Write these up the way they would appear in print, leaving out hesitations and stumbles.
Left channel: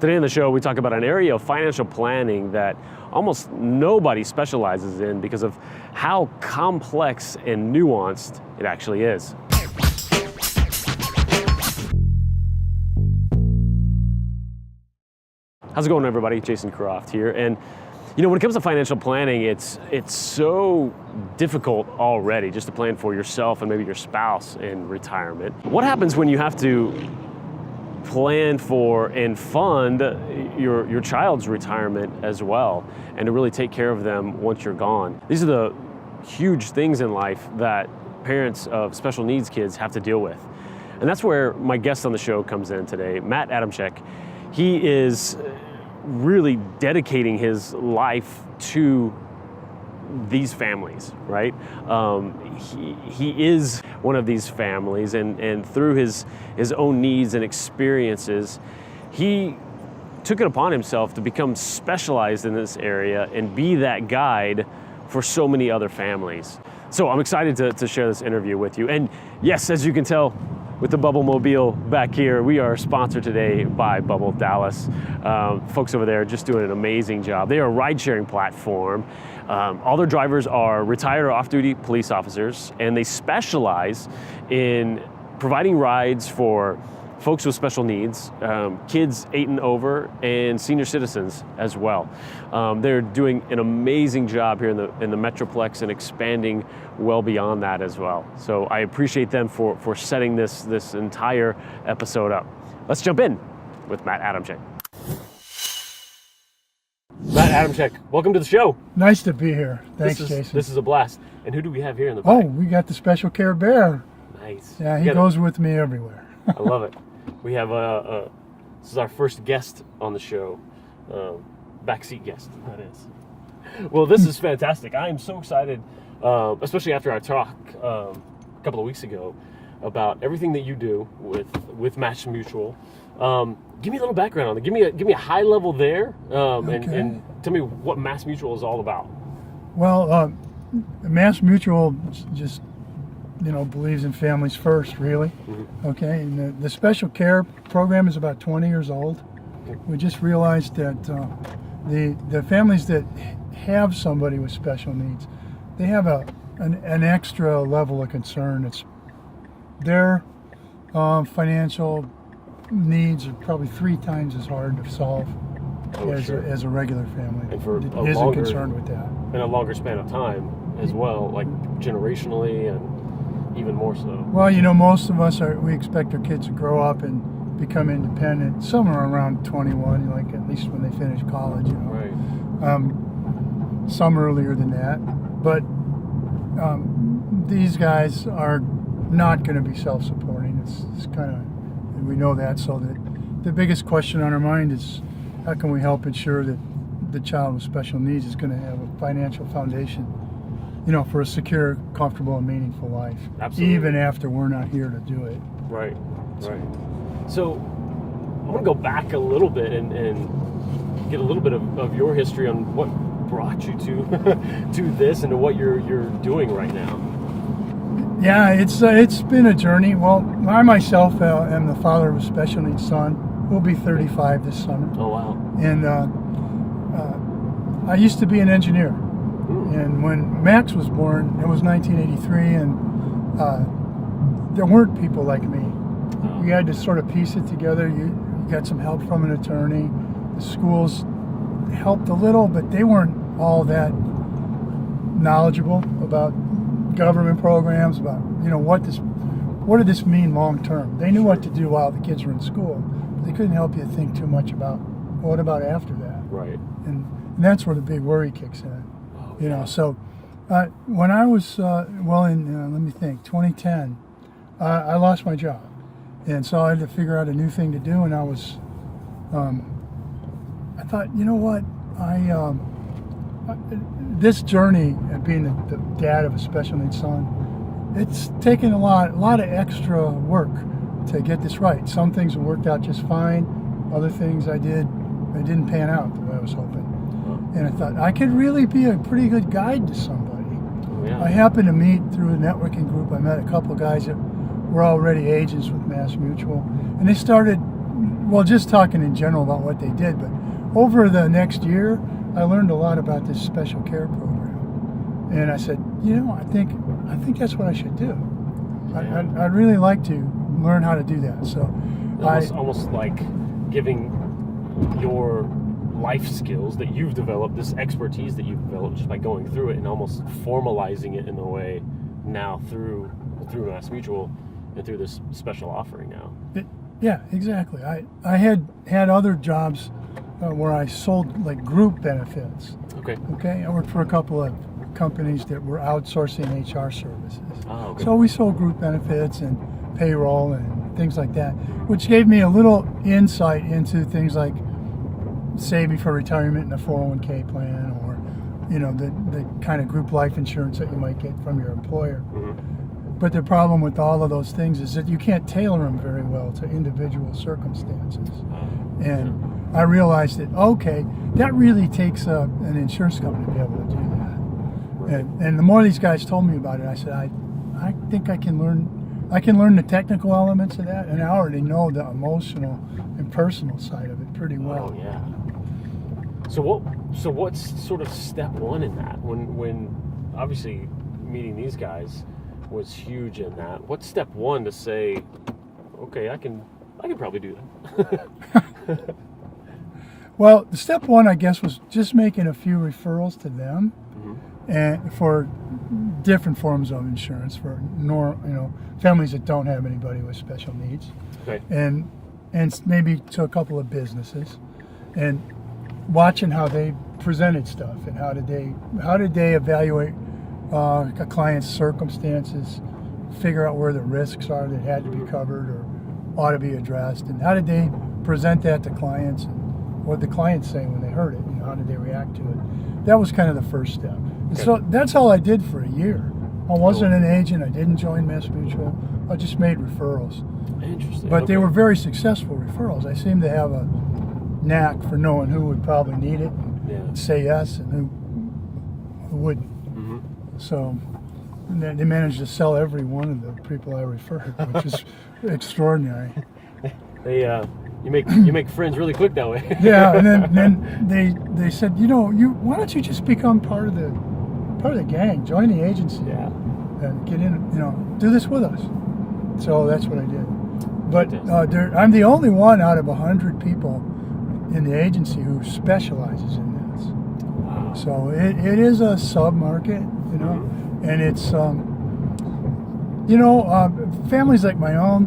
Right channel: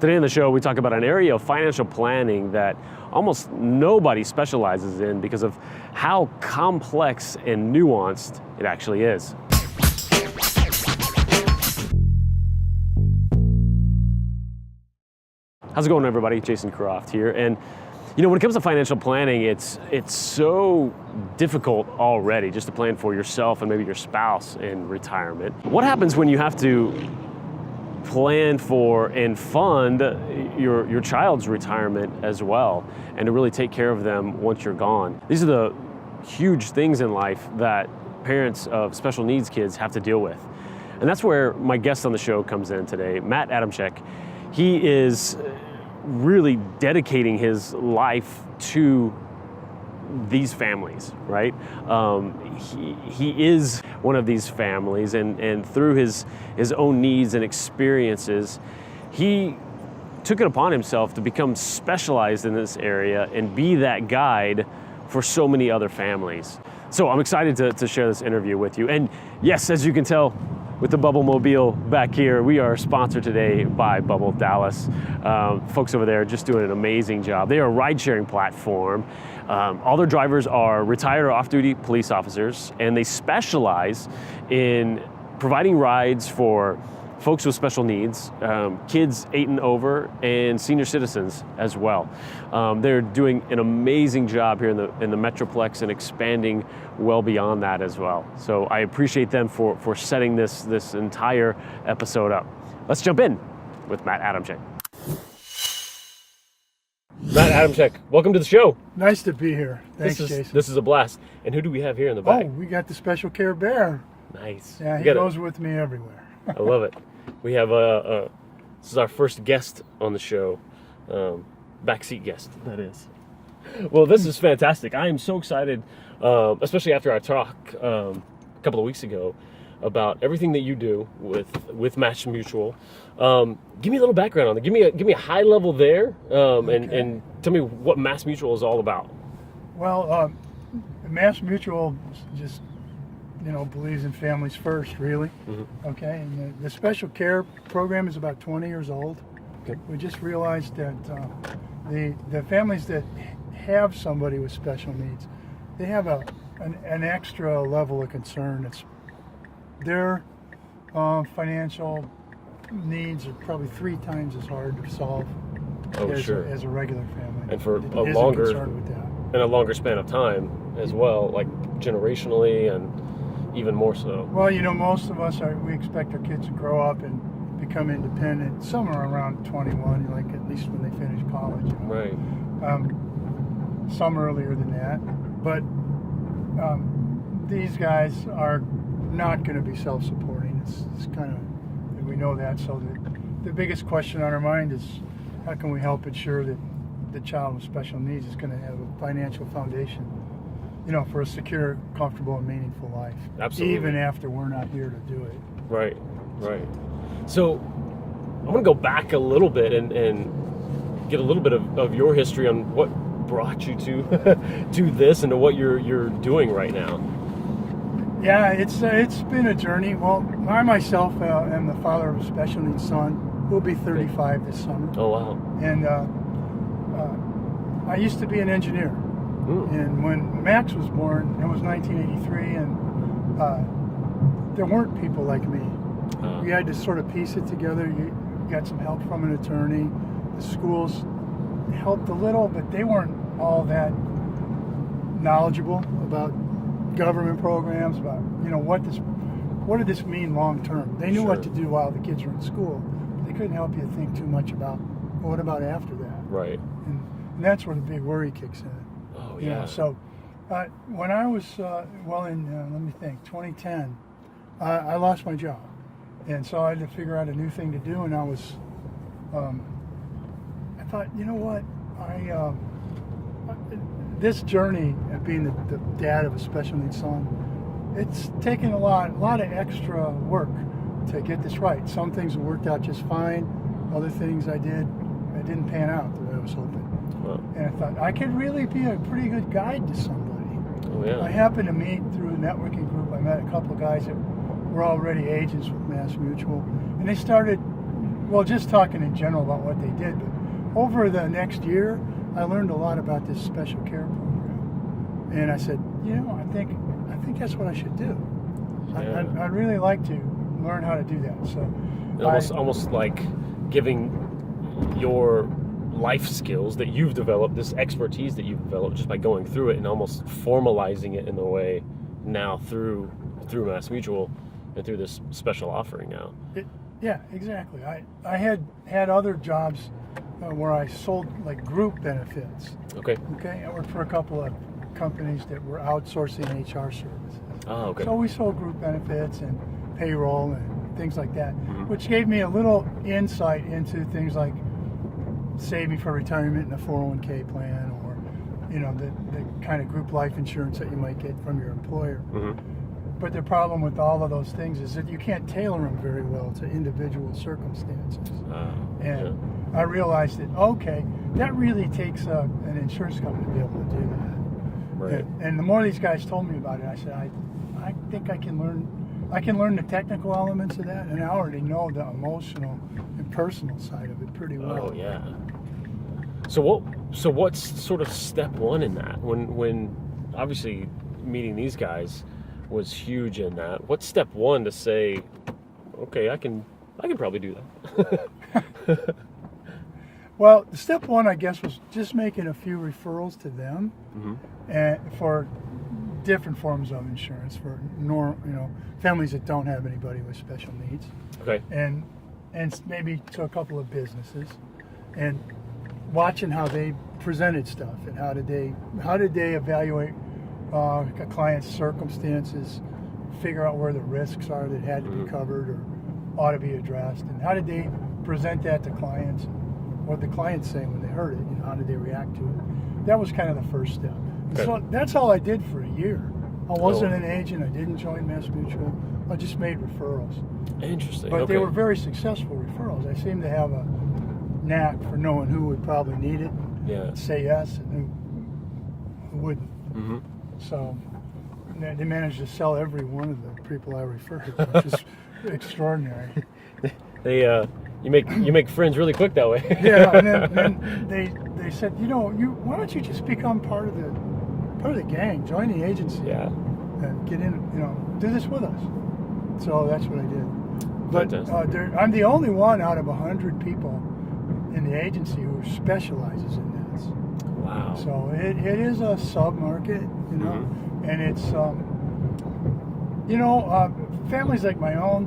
Today on the show, we talk about an area of financial planning that almost nobody specializes in because of how complex and nuanced it actually is. How's it going, everybody? Jason Croft here. And you know, when it comes to financial planning, it's so difficult already just to plan for yourself and maybe your spouse in retirement. What happens when you have to plan for and fund your child's retirement as well, and to really take care of them once you're gone? These are the huge things in life that parents of special needs kids have to deal with. And that's where my guest on the show comes in today, Matt Adamczyk. He is really dedicating his life to these families, right? He is one of these families, and through his own needs and experiences, he took it upon himself to become specialized in this area and be that guide for so many other families. So I'm excited to share this interview with you. And yes, as you can tell, with the Bubbl Mobile back here, we are sponsored today by Bubbl Dallas. Folks over there are just doing an amazing job. They are a ride-sharing platform. All their drivers are retired or off-duty police officers, and they specialize in providing rides for folks with special needs, kids 8 and over, and senior citizens as well. They're doing an amazing job here in the Metroplex and expanding well beyond that as well. So I appreciate them for setting this entire episode up. Let's jump in with Matt Adamczyk. Matt Adamczyk, welcome to the show. Nice to be here. Thanks, Jason. This is a blast. And who do we have here in the back? Oh, we got the special care bear. Nice. Yeah, he goes with me everywhere. I love it. We have this is our first guest on the show, backseat guest, that is. Well, this is fantastic. I am so excited, especially after our talk a couple of weeks ago about everything that you do with MassMutual. Give me a little background on it. Give me a high level there, and tell me what MassMutual is all about. Well, MassMutual just believes in families first, really. Mm-hmm. Okay, and the special care program is about 20 years old. Okay. We just realized that the families that have somebody with special needs, they have an extra level of concern. It's their financial needs are probably 3 times as hard to solve as a regular family. And for isn't concerned with that. And a longer span of time as well, like generationally and even more so. Well, most of us we expect our kids to grow up and become independent somewhere around 21, like at least when they finish college. Right. Some earlier than that, but these guys are not going to be self-supporting. It's kind of, we know that. So the biggest question on our mind is, how can we help ensure that the child with special needs is going to have a financial foundation, for a secure, comfortable, and meaningful life. Absolutely. Even after we're not here to do it. Right. So I want to go back a little bit and get a little bit of your history on what brought you to this and to what you're doing right now. Yeah, it's been a journey. Well, I myself am the father of a special needs son. We'll be 35 this summer. Oh, wow. And I used to be an engineer. And when Max was born, it was 1983, and there weren't people like me. We had to sort of piece it together. You got some help from an attorney. The schools helped a little, but they weren't all that knowledgeable about government programs, about what did this mean long term. They knew what to do while the kids were in school, but they couldn't help you think too much about what about after that. Right. And that's where the big worry kicks in. So when I was, let me think, 2010, I lost my job. And so I had to figure out a new thing to do. And I thought, this journey of being the dad of a special needs son, it's taken a lot of extra work to get this right. Some things have worked out just fine. Other things I didn't pan out the way I was hoping. And I thought, I could really be a pretty good guide to somebody. Oh, yeah. I happened to meet through a networking group. I met a couple of guys that were already agents with MassMutual. And they started well, just talking in general about what they did, but over the next year, I learned a lot about this special care program, and I said, I think that's what I should do. Yeah. I'd really like to learn how to do that. So, almost like giving your life skills that you've developed, this expertise that you've developed, just by going through it and almost formalizing it in a way now through MassMutual and through this special offering now. Yeah, exactly. I had other jobs where I sold like group benefits. Okay. I worked for a couple of companies that were outsourcing HR services. Oh, okay. So we sold group benefits and payroll and things like that, which gave me a little insight into things like saving for retirement in a 401k plan, or the kind of group life insurance that you might get from your employer. But the problem with all of those things is that you can't tailor them very well to individual circumstances. And I realized that, okay, that really takes an insurance company to be able to do that. Right. And the more these guys told me about it, I said, I think I can learn the technical elements of that, and I already know the emotional and personal side of it pretty well. Oh yeah. So what's sort of step one in that? When obviously meeting these guys was huge in that. What's step one to say, okay, I can probably do that? Well, step one, I guess, was just making a few referrals to them, and for different forms of insurance for families that don't have anybody with special needs, Okay. and maybe to a couple of businesses, and watching how they presented stuff and how did they evaluate a client's circumstances, figure out where the risks are that had to be covered or ought to be addressed, and how did they present that to clients, and what the clients saying when they heard it, how did they react to it. That was kind of the first step. And so that's all I did for a year. I wasn't an agent. I didn't join MassMutual. I just made referrals. Interesting. But they were very successful referrals. I seemed to have a knack for knowing who would probably need it, and say yes, and who wouldn't. So they managed to sell every one of the people I referred, which is extraordinary. You make friends really quick that way. Yeah, and then they said, why don't you just become part of the gang, join the agency, and get in, do this with us. So that's what I did. But I'm the only one out of 100 people in the agency who specializes in this. Wow. So it is a sub-market, and it's, families like my own,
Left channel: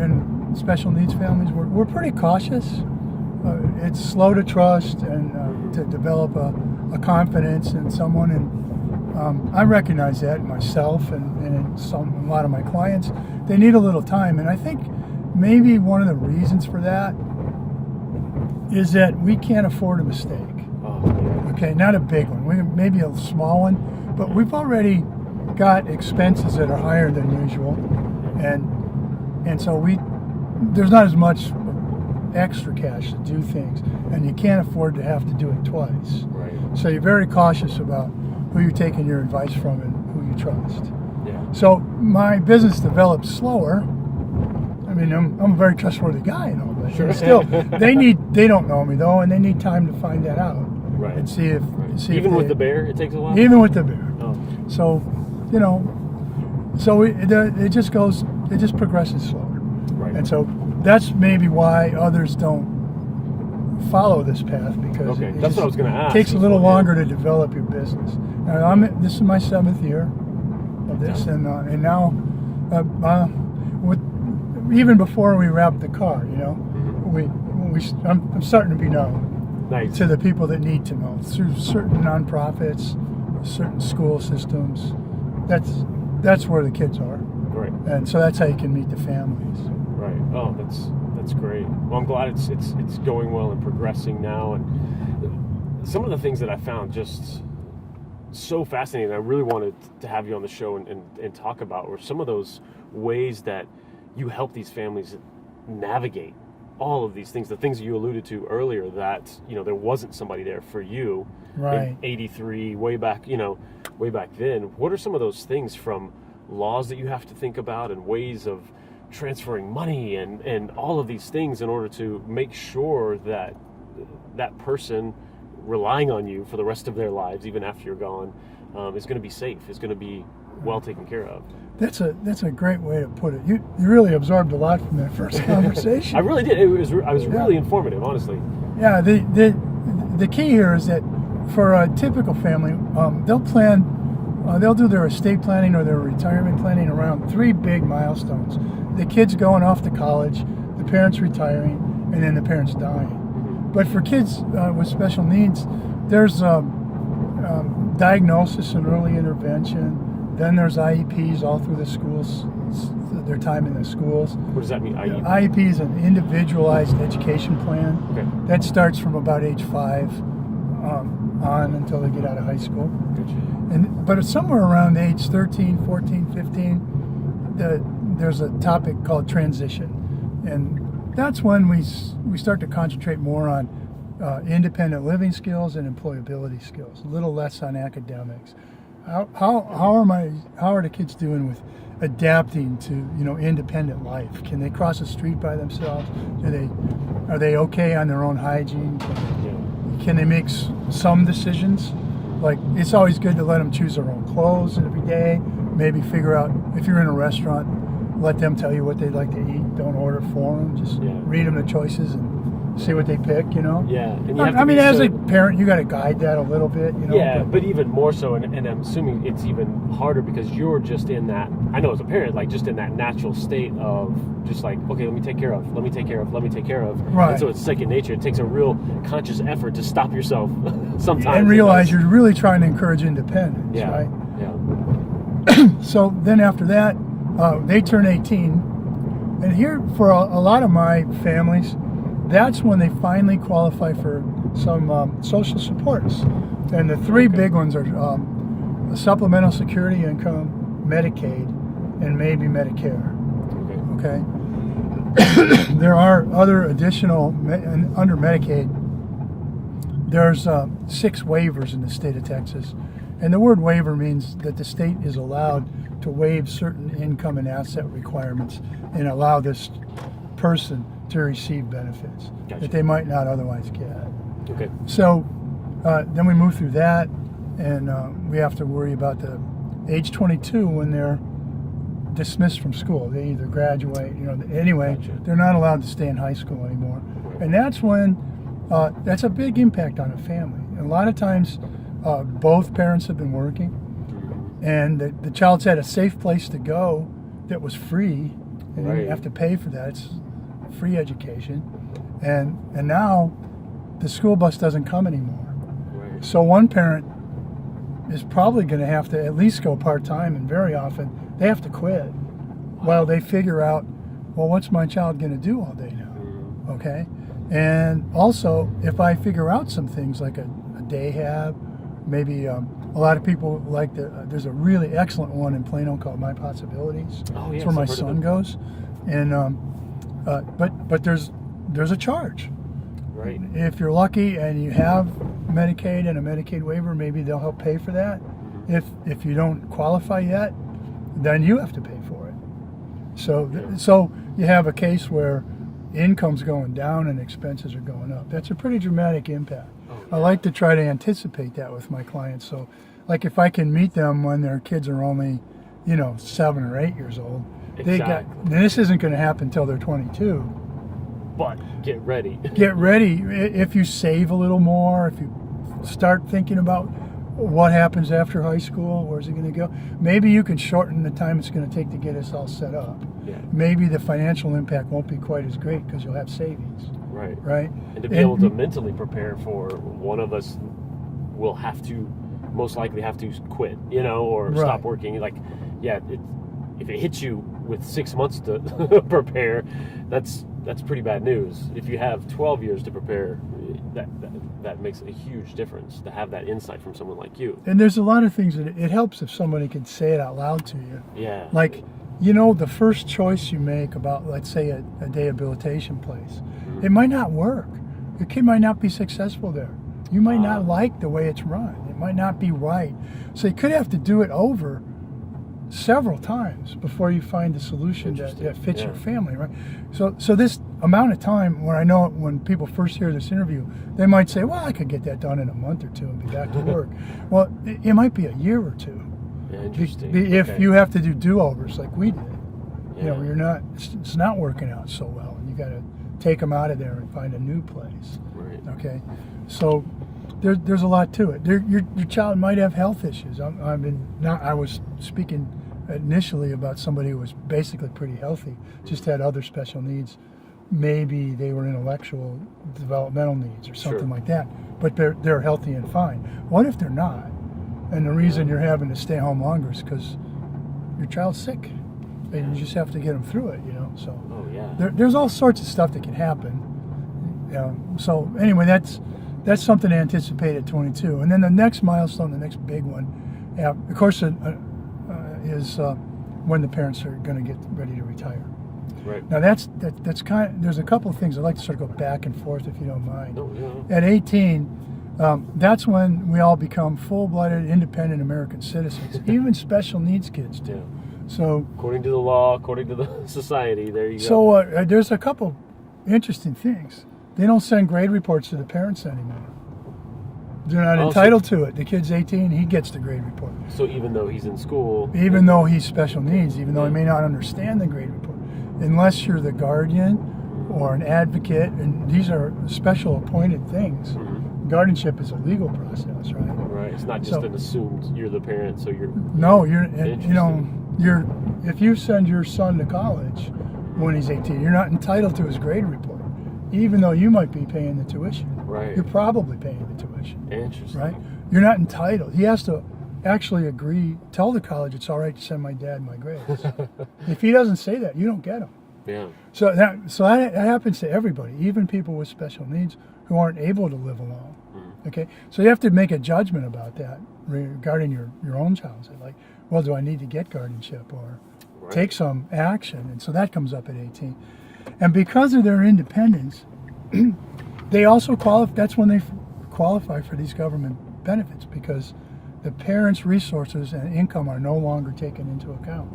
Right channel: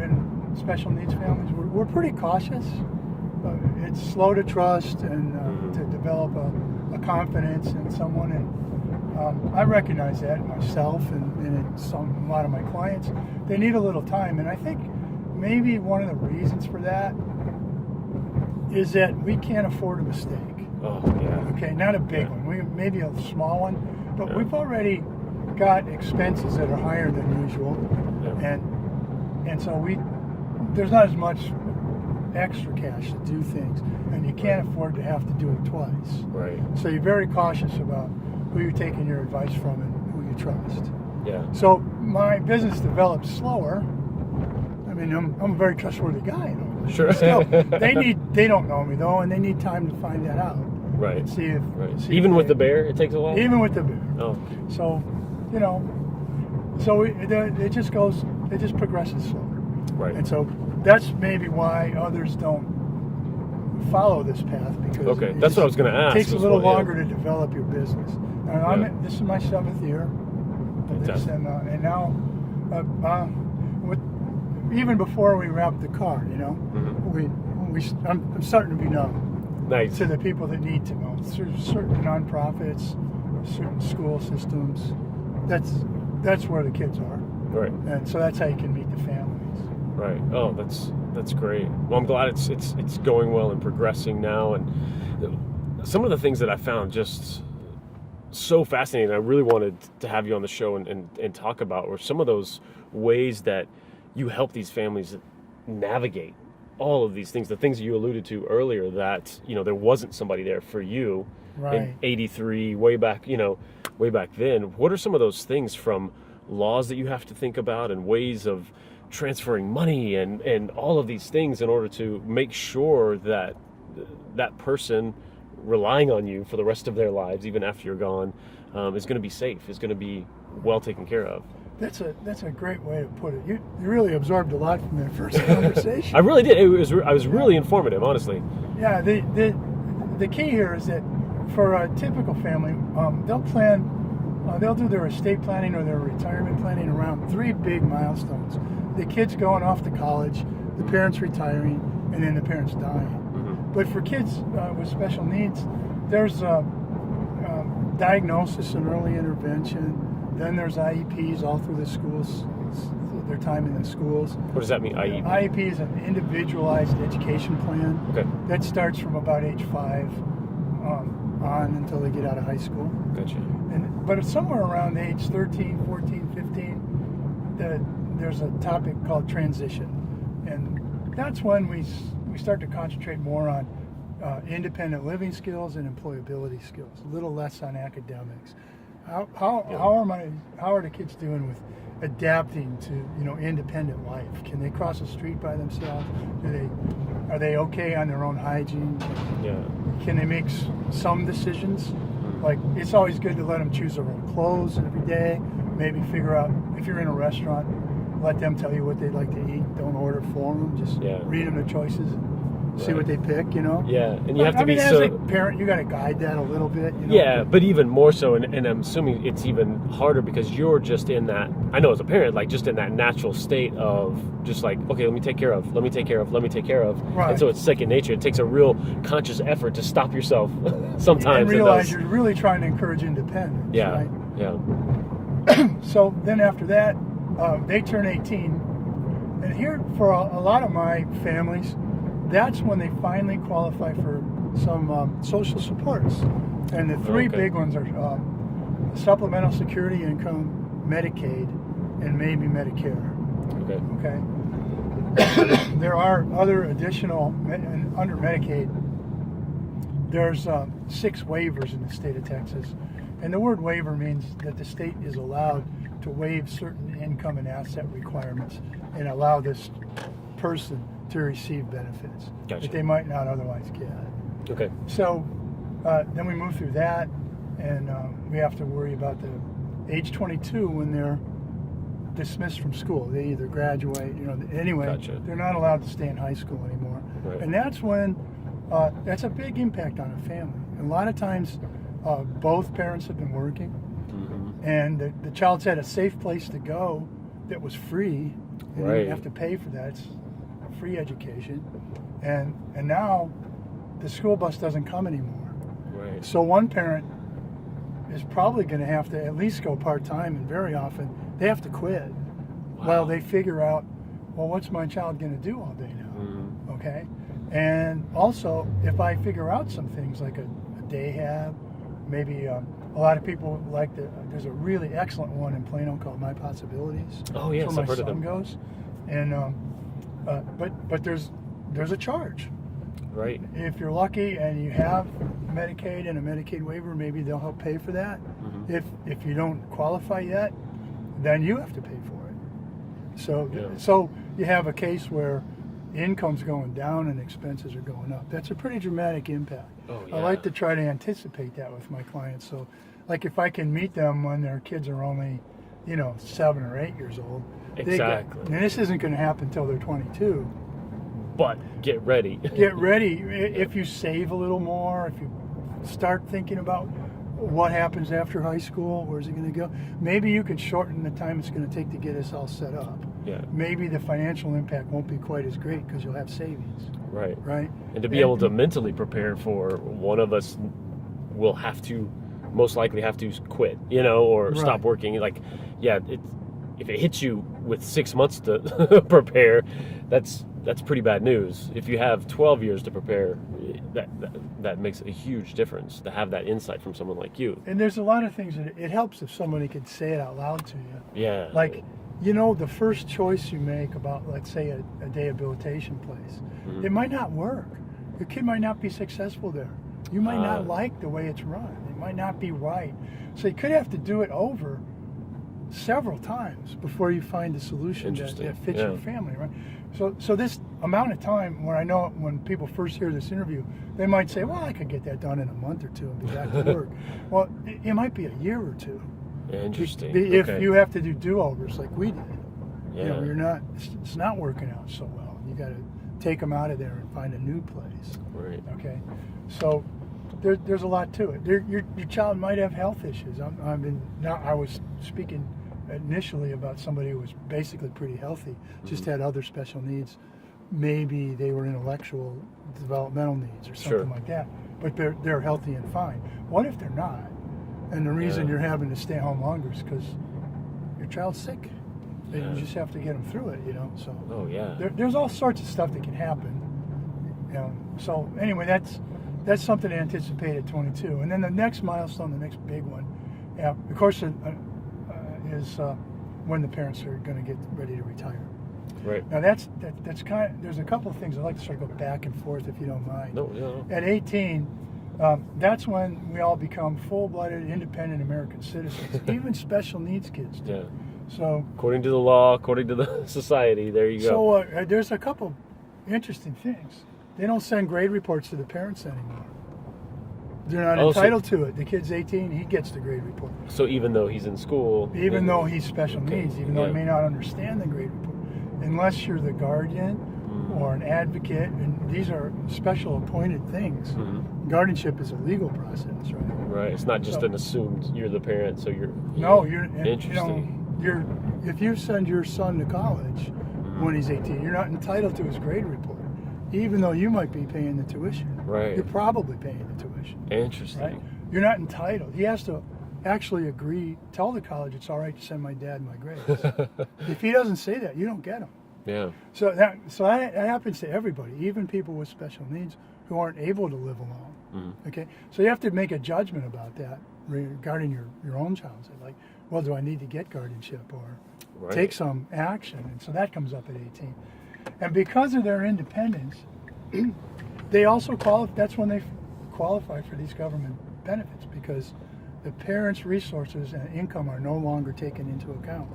and special needs families, we're pretty cautious. It's slow to trust and to develop a confidence in someone, and I recognize that myself and in a lot of my clients. They need a little time, and I think maybe one of the reasons for that is that we can't afford a mistake. Okay, not a big one, maybe a small one, but we've already got expenses that are higher than usual, and so there's not as much extra cash to do things, and you can't afford to have to do it twice. Right. So you're very cautious about who you're taking your advice from and who you trust. Yeah. So my business developed slower. I mean, I'm a very trustworthy guy and all that. Sure. But still, they don't know me though, and they need time to find that out. Right. And see if even with the bear, it takes a while. Even with the bear. Oh. So, it just progresses slower. Right. And so that's maybe why others don't follow this path, because that's what I was going to ask. It takes a little longer to develop your business. And this is my 7th year of this, and now, even before we wrapped the car, I'm starting to be known. Nice. To the people that need to know through certain nonprofits, certain school systems. That's where the kids are. Right. And so that's how you can meet the families. Right. Oh, that's great. Well, I'm glad it's going well and progressing now. And some of the things that I found just so fascinating, I really wanted to have you on the show and talk about, were some of those ways that you help these families navigate all of these things, the things you alluded to earlier, that there wasn't somebody there for you in '83, way back then. What are some of those things, from laws that you have to think about and ways of transferring money and all of these things in order to make sure that that person relying on you for the rest of their lives, even after you're gone, is going to be safe, is going to be well taken care of. That's a great way to put it. You really absorbed a lot from that first conversation. I really did. I was really informative, honestly. Yeah. The key here is that for a typical family, they'll do their estate planning or their retirement planning around 3 big milestones: the kids going off to college, the parents retiring, and then the parents dying. But for kids with special needs, there's diagnosis and early intervention. Then there's IEPs all through the schools, their time in the schools. What does that mean, IEP? IEP is an individualized education plan. Okay. That starts from about age 5 on until they get out of high school. Gotcha. But it's somewhere around age 13, 14, 15, there's a topic called transition. And that's when we start to concentrate more on independent living skills and employability skills, a little less on academics. How are the kids doing with adapting to independent life? Can they cross the street by themselves? Are they okay on their own hygiene? Can they make some decisions? Like, it's always good to let them choose their own clothes every day. Maybe figure out, if you're in a restaurant, let them tell you what they'd like to eat. Don't order for them. Just read them the choices and see what they pick, Yeah, and you have to as a parent, you got to guide that a little bit, Yeah, but even more so, and I'm assuming it's even harder because you're just in that, I know as a parent, like just in that natural state of just like, okay, let me take care of. Right. And so it's second nature. It takes a real conscious effort to stop yourself sometimes. And realize you're really trying to encourage independence, right? Yeah. So then after that, they turn 18. And here, for a lot of my families, that's when they finally qualify for some social supports. And the 3 big ones are supplemental security income, Medicaid, and maybe Medicare. Okay. There are other additional, under Medicaid, there's 6 waivers in the state of Texas. And the word waiver means that the state is allowed to waive certain income and asset requirements and allow this person to receive benefits that they might not otherwise get. Okay. So then we move through that, and we have to worry about the age 22 when they're dismissed from school. They either graduate, anyway, they're not allowed to stay in high school anymore. Right. And that's when, that's a big impact on a family. And a lot of times, both parents have been working, and the child's had a safe place to go that was free, and you didn't have to pay for that. It's free education, and now the school bus doesn't come anymore. Right. So one parent is probably going to have to at least go part-time, and very often they have to quit while they figure out, well, what's my child going to do all day now? Okay. And also, if I figure out some things like a day hab, maybe a lot of people like there's a really excellent one in Plano called My Possibilities. Oh, yes, it's where my son goes. And but there's a charge. Right. If you're lucky and you have Medicaid and a Medicaid waiver, maybe they'll help pay for that. If you don't qualify yet, then you have to pay for it. So you have a case where income's going down and expenses are going up. That's a pretty dramatic impact. I like to try to anticipate that with my clients. So, like, if I can meet them when their kids are only, 7 or 8 years old, and this isn't going to happen until they're 22. But get ready. Get ready. If you save a little more, if you start thinking about what happens after high school, where's it going to go? Maybe you can shorten the time it's going to take to get us all set up. Yeah. Maybe the financial impact won't be quite as great because you'll have savings. Right. Right. And to be able to mentally prepare for one of us will most likely have to quit, or stop working. Like, if it hits you with 6 months to prepare, that's pretty bad news. If you have 12 years to prepare, that makes a huge difference to have that insight from someone like you. And there's a lot of things that it helps if somebody can say it out loud to you. Yeah. Like, the first choice you make about, let's say, a rehabilitation place, it might not work. Your kid might not be successful there. You might not like the way it's run. It might not be right. So you could have to do it over several times before you find a solution that fits your family, right? So this amount of time, when I know when people first hear this interview, they might say, well, I could get that done in a month or two and be back to work. Well, it might be a year or two. Yeah, interesting. If you have to do do-overs like we did. Yeah. It's not working out so well. You got to take them out of there and find a new place. Right. Okay. So there's a lot to it. Your child might have health issues. I was speaking initially about somebody who was basically pretty healthy, just had other special needs. Maybe they were intellectual developmental needs or something like that, but they're healthy and fine. What if they're not? And the reason you're having to stay home longer is because your child's sick. And you just have to get them through it, So there's all sorts of stuff that can happen. So anyway, that's something to anticipate at 22. And then the next milestone, the next big one, of course, is when the parents are going to get ready to retire. Right. Now that's kind of, there's a couple of things I'd like to sort of go back and forth if you don't mind. No. At 18, that's when we all become full-blooded, independent American citizens. Even special needs kids do. Yeah. So according to the law, according to the society, there you go. So there's a couple interesting things. They don't send grade reports to the parents anymore. They're not entitled to it. The kid's 18, he gets the grade report. So even though he's in school, even though he's special needs, even though he may not understand the grade report, unless you're the guardian or an advocate, and these are special appointed things. Guardianship is a legal process, right? Right. It's not just an assumed you're the parent, so you're. No, if you send your son to college when he's 18, you're not entitled to his grade report, even though you might be paying the tuition. Right. You're probably paying the tuition. Interesting. Right? You're not entitled. He has to actually agree, tell the college it's all right to send my dad my grades. If he doesn't say that, you don't get them. Yeah. So that happens to everybody, even people with special needs who aren't able to live alone. Okay, so you have to make a judgment about that regarding your own child. So like, well, do I need to get guardianship or take some action? And so that comes up at 18. And because of their independence, they also qualify. That's when they qualify for these government benefits, because the parents' resources and income are no longer taken into account.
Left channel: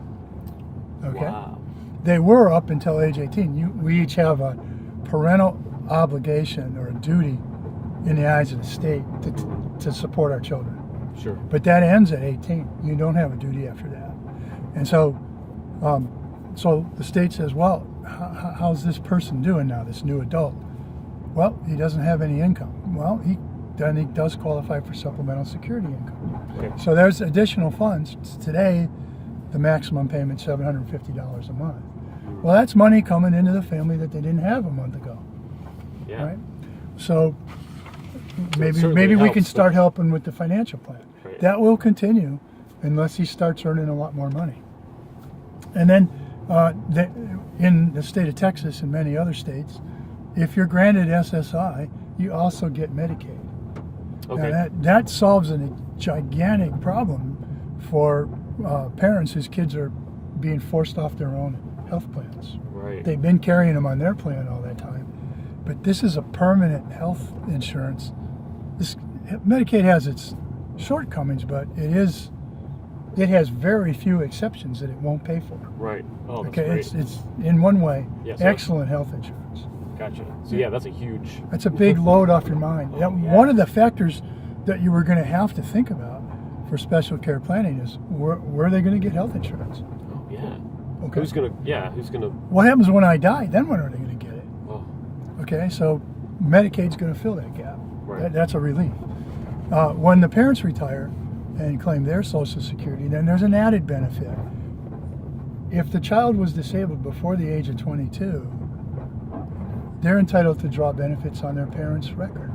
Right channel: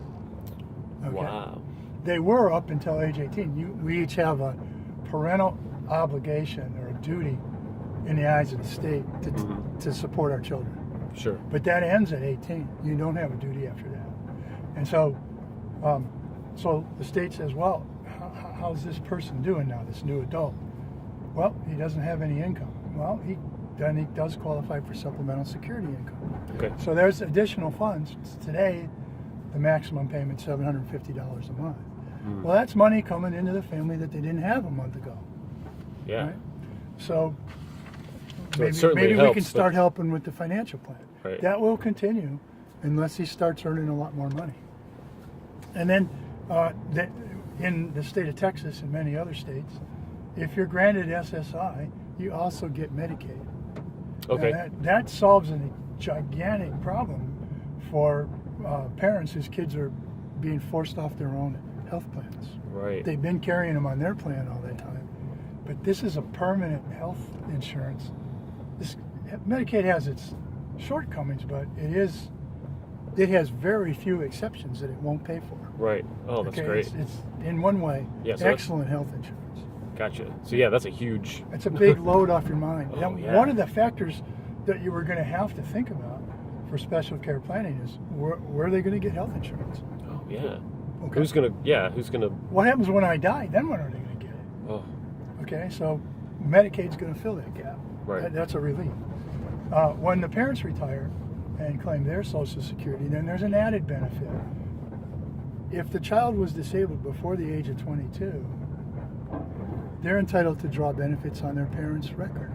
Okay. Wow. They were up until age 18. We each have a parental obligation or a duty in the eyes of the state to support our children. Sure. But that ends at 18. You don't have a duty after that. And so the state says, well, how's this person doing now, this new adult? Well, he doesn't have any income. Well, he does qualify for supplemental security income. Okay. So there's additional funds. Today, the maximum payment is $750 a month. Well, that's money coming into the family that they didn't have a month ago. Yeah. Right? So maybe certainly we helps, can start helping with the financial plan. Right. That will continue unless he starts earning a lot more money. And then in the state of Texas and many other states, if you're granted SSI, you also get Medicaid. Okay. Now that solves a gigantic problem for parents whose kids are being forced off their own health plans. Right. They've been carrying them on their plan all that time. But this is a permanent health insurance. Medicaid has its shortcomings, but it has very few exceptions that it won't pay for. Right. Oh, that's okay, great. it's in one way So excellent health insurance. Gotcha. So yeah, that's a huge. That's a big load off your mind. Oh, yeah. One of the factors that you were going to have to think about for special care planning is where are they going to get health insurance? Oh yeah. Okay. Who's gonna? What happens when I die? Then when are they going to get it? Oh. Okay, so Medicaid's going to fill that gap. Right. That's a relief. When the parents retire and claim their Social Security, then there's an added benefit. If the child was disabled before the age of 22, they're entitled to draw benefits on their parents' record.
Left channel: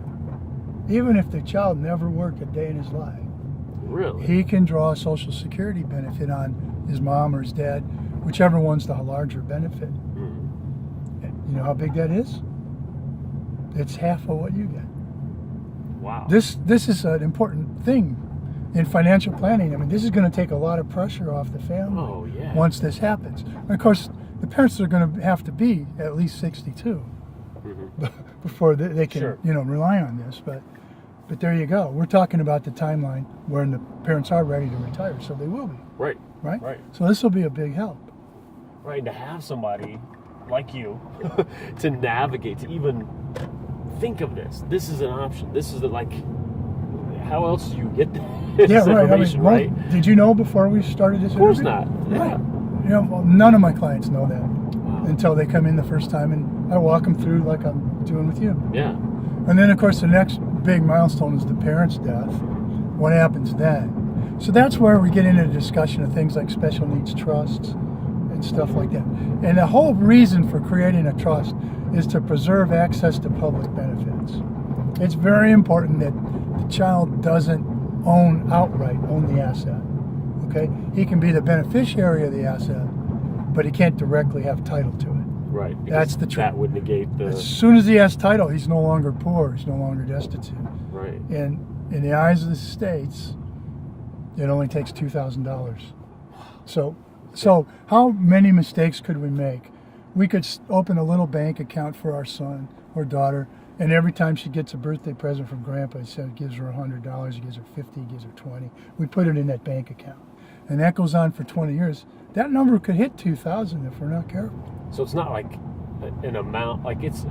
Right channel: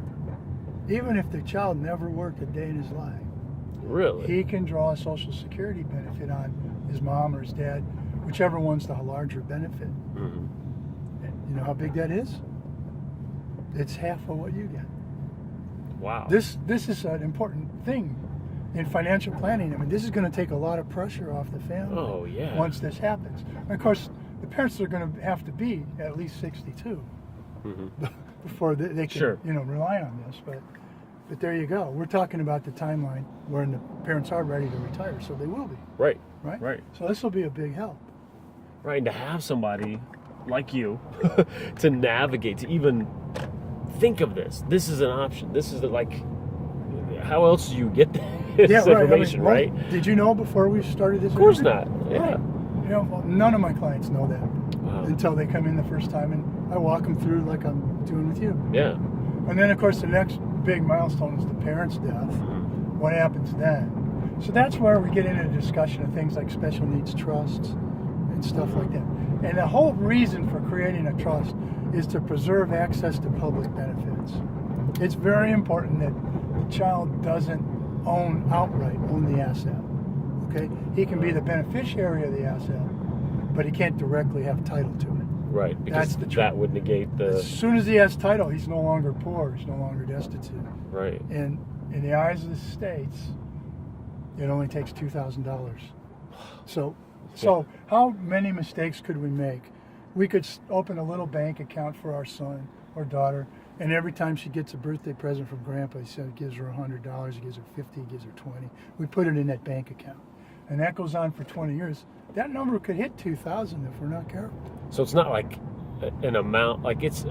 Even if the child never worked a day in his life. Really? He can draw a Social Security benefit on his mom or his dad, whichever one's the larger benefit. And you know how big that is? It's half of what you get. Wow. This is an important thing in financial planning. I mean, this is going to take a lot of pressure off the family. Oh yeah. Once this happens. And of course, the parents are going to have to be at least 62 before they can, Sure. rely on this. But But there you go. We're talking about the timeline when the parents are ready to retire, so they will be. Right. Right? So this will be a big help. Right, and to have somebody like you to navigate, to even think of this. This is an option. This is how else do you get this information, right? Did you know before we started this? Of course not. Yeah. Right. You know, well, none of my clients know that until they come in the first time, and I walk them through like I'm doing with you. Yeah. And then, of course, the next big milestone is the parent's death. What happens then? So that's where we get into the discussion of things like special needs trusts and stuff like that. And the whole reason for creating a trust is to preserve access to public benefits. It's very important that the child doesn't own the asset. Okay? He can be the beneficiary of the asset, but he can't directly have title to it. Right. That's the truth. That would negate the... As soon as he has title, he's no longer poor. He's no longer destitute. Right. And in the eyes of the states, it only takes $2,000. So how many mistakes could we make? We could open a little bank account for our son or daughter, and every time she gets a birthday present from Grandpa, he said, gives her $100, he gives her $50, he gives her $20. We put it in that bank account, and that goes on for 20 years. That number could hit 2,000 if we're not careful. So it's not like an amount, like it's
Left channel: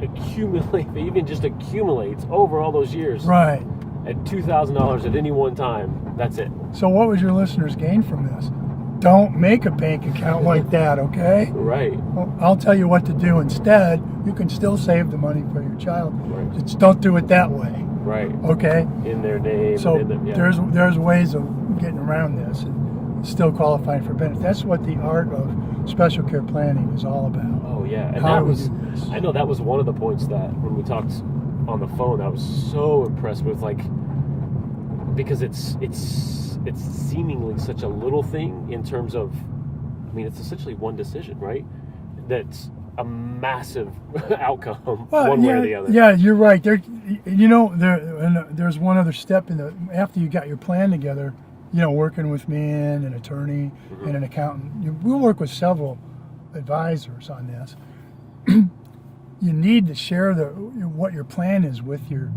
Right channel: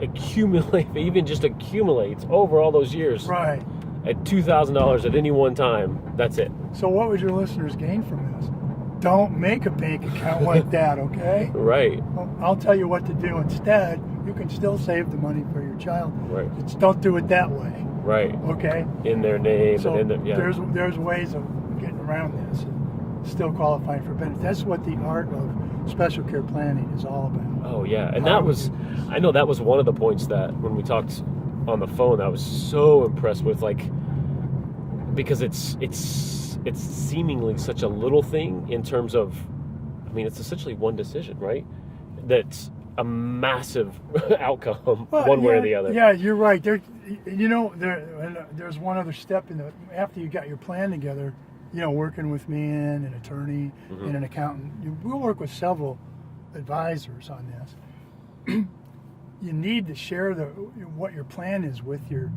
even just accumulates over all those years. Right. At $2,000 at any one time, that's it. So what would your listeners gain from this? Don't make a bank account like that, okay? Right. Well, I'll tell you what to do instead. You can still save the money for your child. Right. Just don't do it that way. Right. Okay? In their name. So and in there's ways of getting around this and still qualifying for benefits. That's what the art of special care planning is all about. Oh yeah, and I know that was one of the points that when we talked on the phone that I was so impressed with, like, because it's seemingly such a little thing in terms of, I mean, it's essentially one decision, right? That's a massive outcome, one way or the other. Yeah, you're right. There's one other step after you got your plan together. Working with me and an attorney and an accountant. We'll work with several advisors on this. You need to share what your plan is with your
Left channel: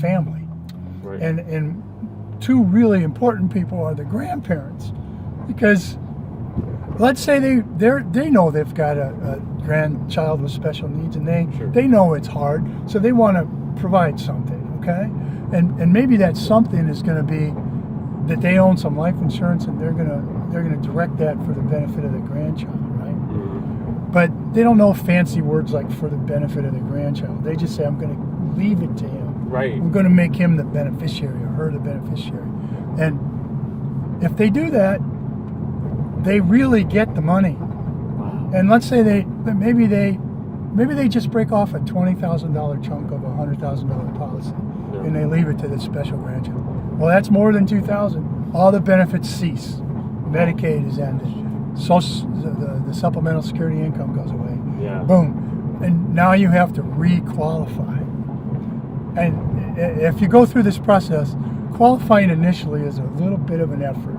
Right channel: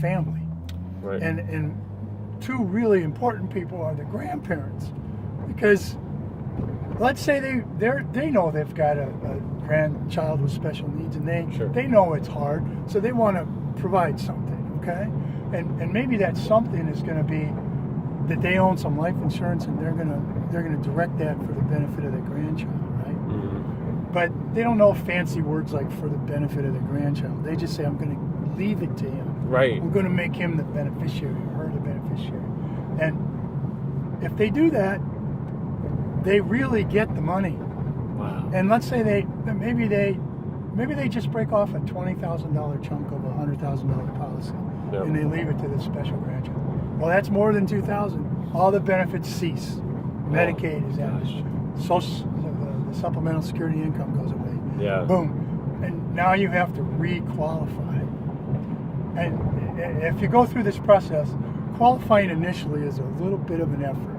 family. Right. And two really important people are the grandparents, because let's say they know they've got a grandchild with special needs, and they know it's hard, so they want to provide something, okay? And maybe that something is going to be that they own some life insurance, and they're gonna direct that for the benefit of the grandchild, right? Mm-hmm. But they don't know fancy words like for the benefit of the grandchild. They just say, I'm gonna leave it to him. Right. I'm gonna make him the beneficiary or her the beneficiary. And if they do that, they really get the money. Wow. And let's say maybe they just break off a $20,000 chunk of a $100,000 policy, and they leave it to the special grandchild. Well, that's more than $2,000. All the benefits cease. Medicaid is ended. The supplemental security income goes away. Yeah. Boom. And now you have to re-qualify. And if you go through this process, qualifying initially is a little bit of an effort.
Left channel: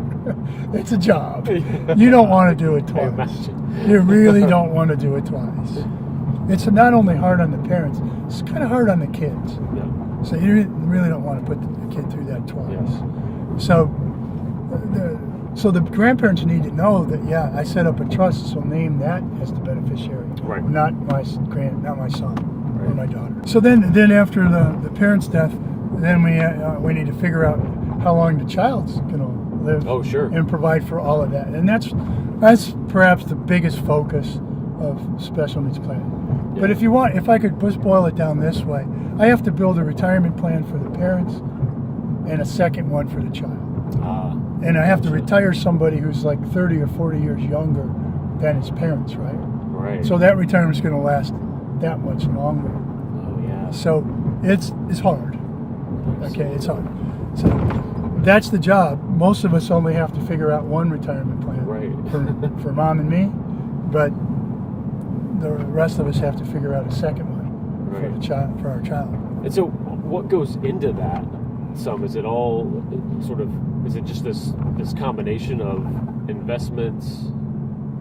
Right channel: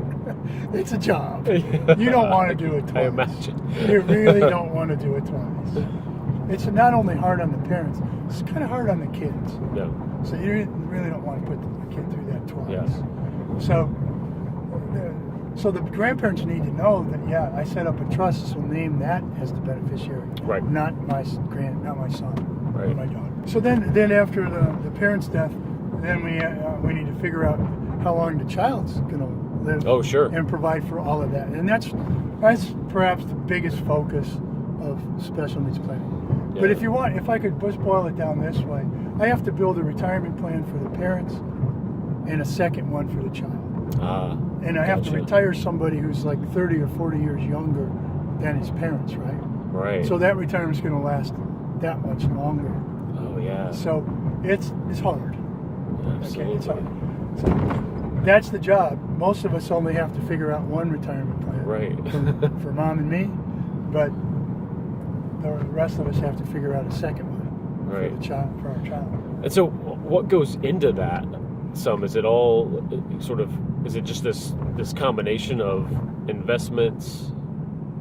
It's a job. You don't want to do it twice. I imagine. You really don't want to do it twice. It's not only hard on the parents, it's kind of hard on the kids. No. So you really don't want to put the kid through that twice. Yes. So the grandparents need to know that, I set up a trust, so name that as the beneficiary, right? Not my son, right. Or my daughter. So then after the parent's death, then we need to figure out how long the child's going to live. Oh, sure. And provide for all of that, and that's perhaps the biggest focus of special needs planning. Yeah. But if I could just boil it down this way, I have to build a retirement plan for the parents and a second one for the child. And I have to retire somebody who's like 30 or 40 years younger than his parents, right? Right. So that retirement's going to last that much longer. Oh, yeah. So it's hard. Absolutely. Okay, it's hard. So that's the job. Most of us only have to figure out one retirement plan, right? for mom and me, but the rest of us have to figure out a second one, right, for our child. And so, what goes into that? Is it all sort of? Is it just this combination of investments,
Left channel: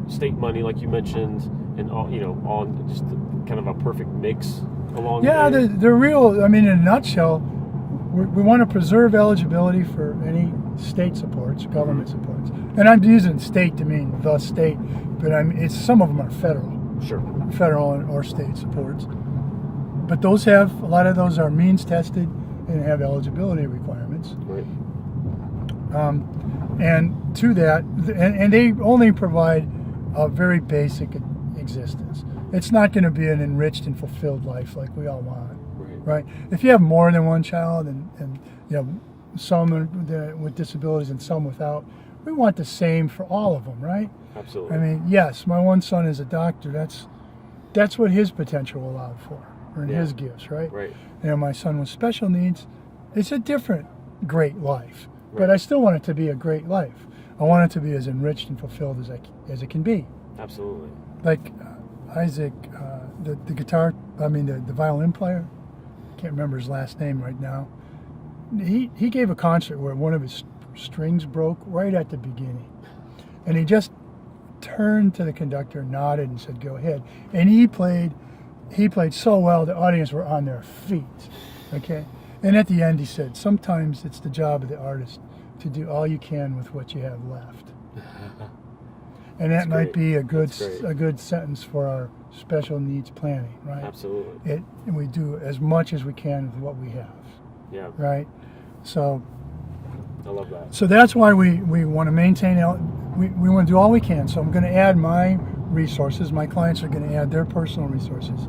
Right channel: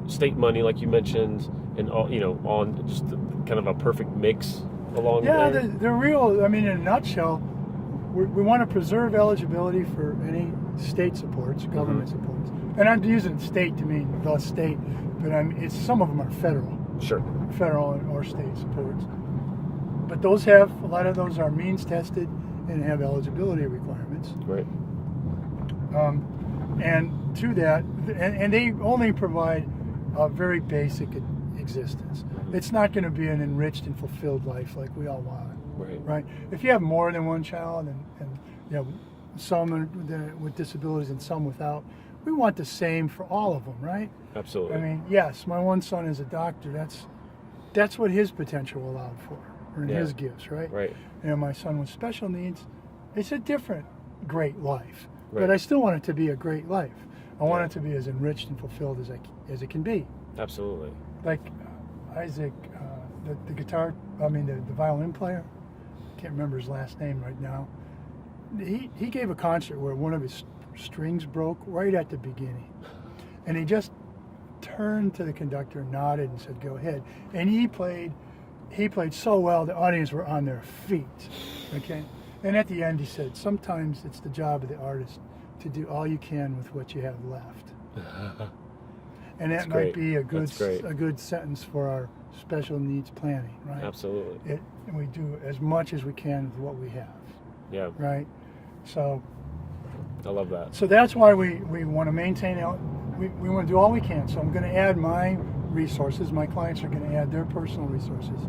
state money, like you mentioned, and all, on just kind of a perfect mix along? Yeah, the real. I mean, in a nutshell, we want to preserve eligibility for any state supports, government supports. And I'm using state to mean the state, but some of them are federal. Sure. Federal or state supports. But a lot of those are means tested and have eligibility requirements. Right. And to that, and they only provide a very basic existence. It's not going to be an enriched and fulfilled life like we all want. Right? If you have more than one child and you know some with disabilities and some without, we want the same for all of them, right? Absolutely. I mean, yes, my one son is a doctor. That's what his potential allowed for, or in his gifts, right? Right. You know, my son with special needs, it's a different great life, Right. but I still want it to be a great life. I want it to be as enriched and fulfilled as it can be. Absolutely. Like Isaac, the violin player. Can't remember his last name right now. He gave a concert where one of his strings broke right at the beginning, and he just turned to the conductor, nodded, and said, "Go ahead." And he played so well the audience were on their feet. Okay, and at the end he said, "Sometimes it's the job of the artist to do all you can with what you have left." And that might be a good sentence for our special needs planning, right? Absolutely. We do as much as we can with what we have. Yeah. Right. So I love that. So that's why we want to maintain. We want to do all we can. So I'm going to add my resources. My clients are going to add their personal resources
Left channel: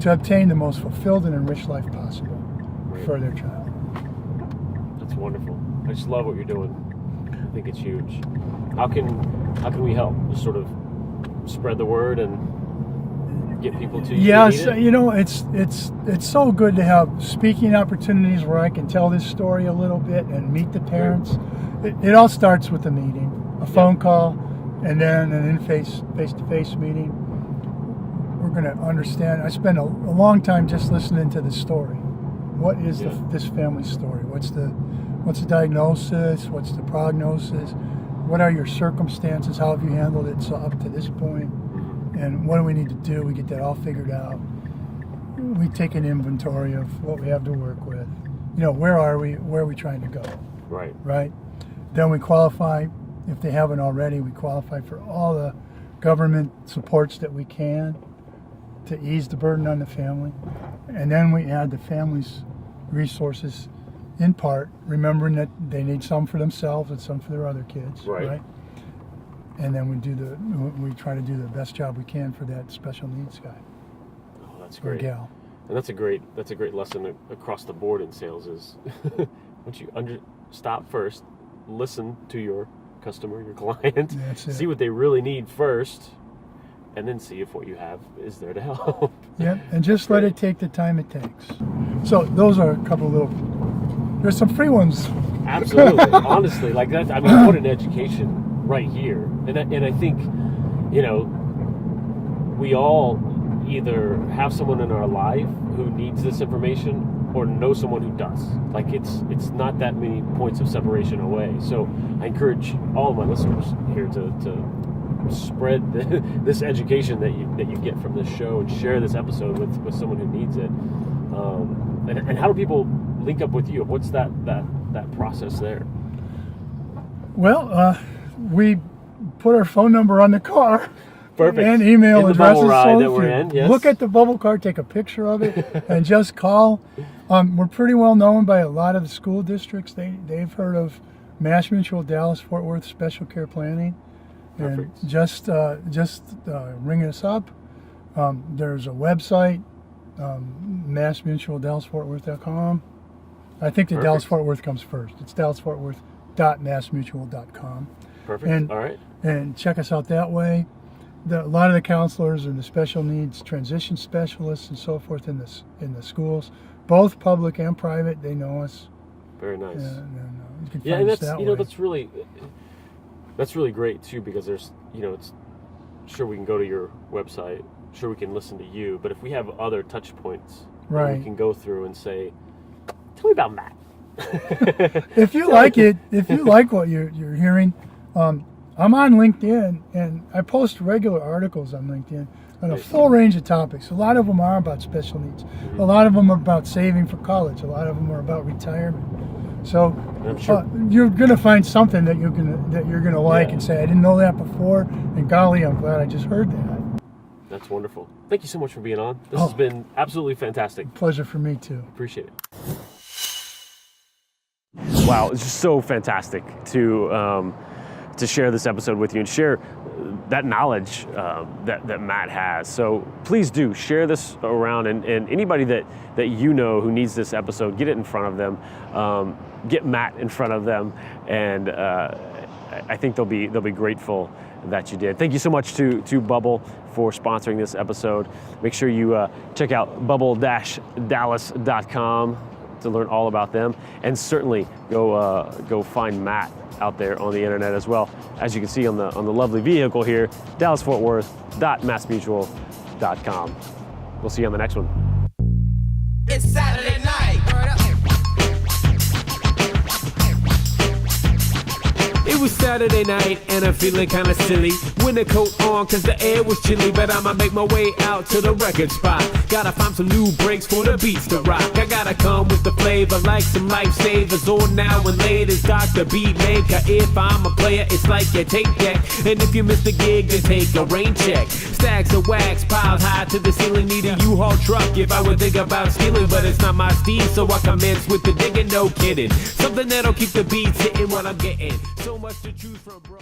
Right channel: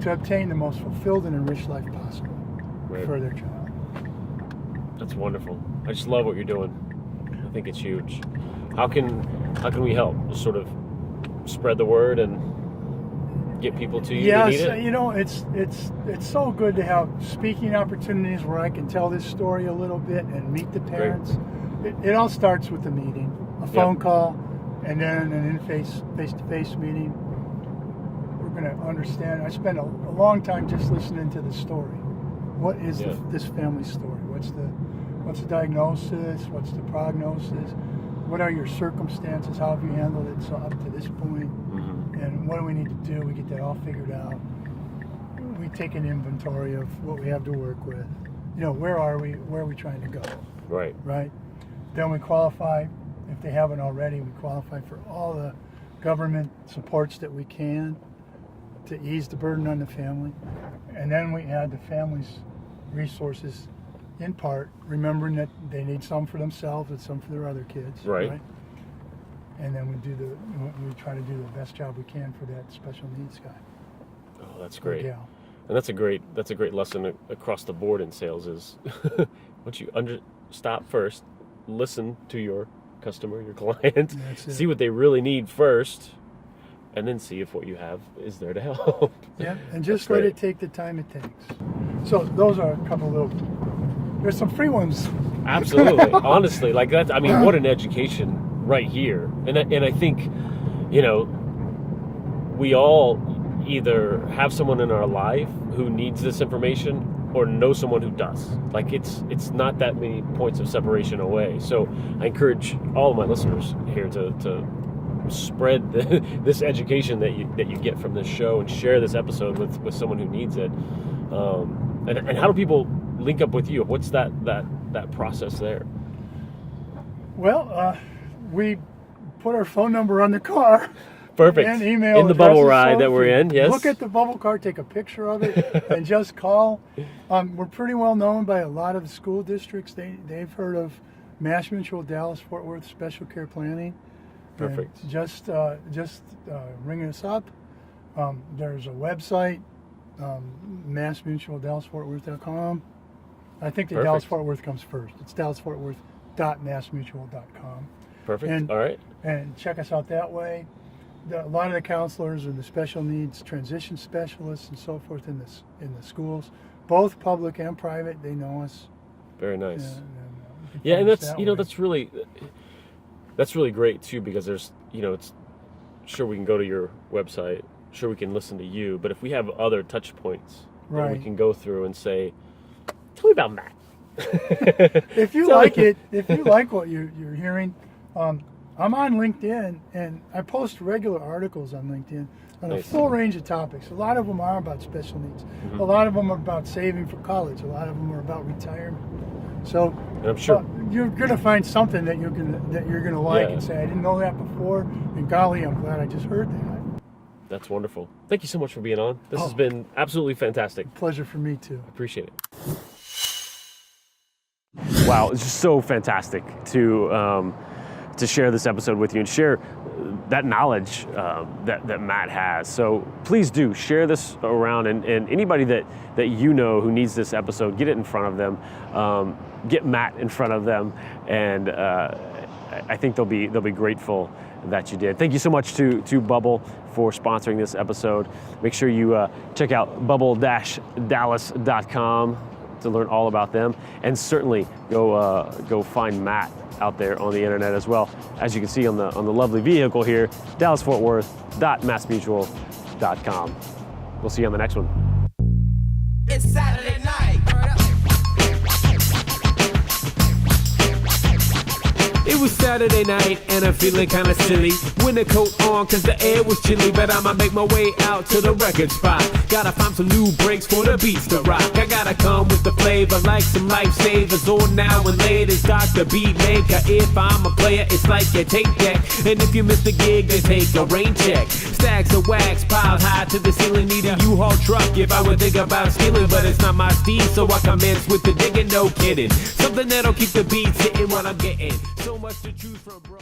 to obtain the most fulfilled and enriched life possible for their child. That's wonderful. I just love what you're doing. I think it's huge. How can we help? Just sort of spread the word and get people to you. Yes, you know, it's so good to have speaking opportunities where I can tell this story a little bit and meet the parents. Right. It all starts with a meeting, a phone call, and then an face-to-face meeting. We're going to understand. I spent a long time just listening to the story. What is this family's story? What's the diagnosis? What's the prognosis? What are your circumstances? How have you handled it up to this point? And what do we need to do? We get that all figured out. We take an inventory of what we have to work with. You know, where are we? Where are we trying to go? Right. Right. Then we qualify, if they haven't already, we qualify for all the government supports that we can to ease the burden on the family. And then we add the family's resources in part, remembering that they need some for themselves and some for their other kids. Right. And then we try to do the best job we can for that special needs guy. Oh, that's great. Or gal. And that's a great lesson across the board in sales is once you stop first, listen to your customer, your client, see what they really need first, and then see if what you have is there to help. Yeah, and just let it take the time it takes. So those are a couple of little, there's some free ones. Absolutely. Honestly, like that, I mean, what an education right here. And I think, you know, we all either have someone in our life who needs this information or know someone who does. Like it's not that many points of separation away. So I encourage all of my listeners here to spread this education that you get from this show and share this episode with someone who needs it. And how do people link up with you? What's that process there? Well, we put our phone number on the car. Perfect. And email in the addresses. Bubbl ride that we're in. Yes. Look at the Bubbl card, take a picture of it, and just call. We're pretty well known by a lot of the school districts. They've heard of MassMutual Dallas-Fort Worth Special Care Planning. Perfect. And just ring us up. There's a website, MassMutualDallasFortWorth.com. I think the Dallas-Fort Worth comes first. It's DallasFortWorth.MassMutual.com. Perfect. All right. And check us out that way. A lot of the counselors and the special needs transition specialists and so forth in the schools, both public and private, they know us. Very nice. And that's that's really great too, because there's it's sure we can go to your website, sure we can listen to you, but if we have other touch points that we can go through and say, tell me about Matt. If you like it, if you like what you're hearing, I'm on LinkedIn and I post regular articles on LinkedIn. on a full range of topics. A lot of them are about special needs. A lot of them are about saving for college. A lot of them are about retirement. So I'm sure you're going to find something that you're going to like and say, I didn't know that before, and golly, I'm glad I just heard that. That's wonderful. Thank you so much for being on. This has been absolutely fantastic. Pleasure for me too. Appreciate it. Wow, it's just so fantastic to share this episode with you and share that knowledge that Matt has. So please do share this around, and anybody that you know who needs this episode, get it in front of them. Get Matt in front of them, and I think they'll be grateful that you did. Thank you so much to Bubbl for sponsoring this episode. Make sure you check out bubble-dallas.com to learn all about them, and certainly go find Matt out there on the internet as well. As you can see on the lovely vehicle here, dallasfortworth.massmutual.com. We'll see you on the next one. It's Saturday night. It was Saturday night and I'm feeling kinda silly. Winter coat on cause the air was chilly, but I'ma make my way out to the record spot. Gotta find some new breaks for the beats to rock. I gotta come with the flavor like some lifesavers. On now and late is Dr. Beatmaker. If I'm a player, it's like your tape deck. And if you miss the gig, then take a rain check. Stacks of wax piled high to the ceiling, need a U-Haul truck if I would think about stealing. But it's not my steed, so I commence with the digging, no kidding. Something that'll keep the beats hitting what I'm getting. So much to choose from, bro.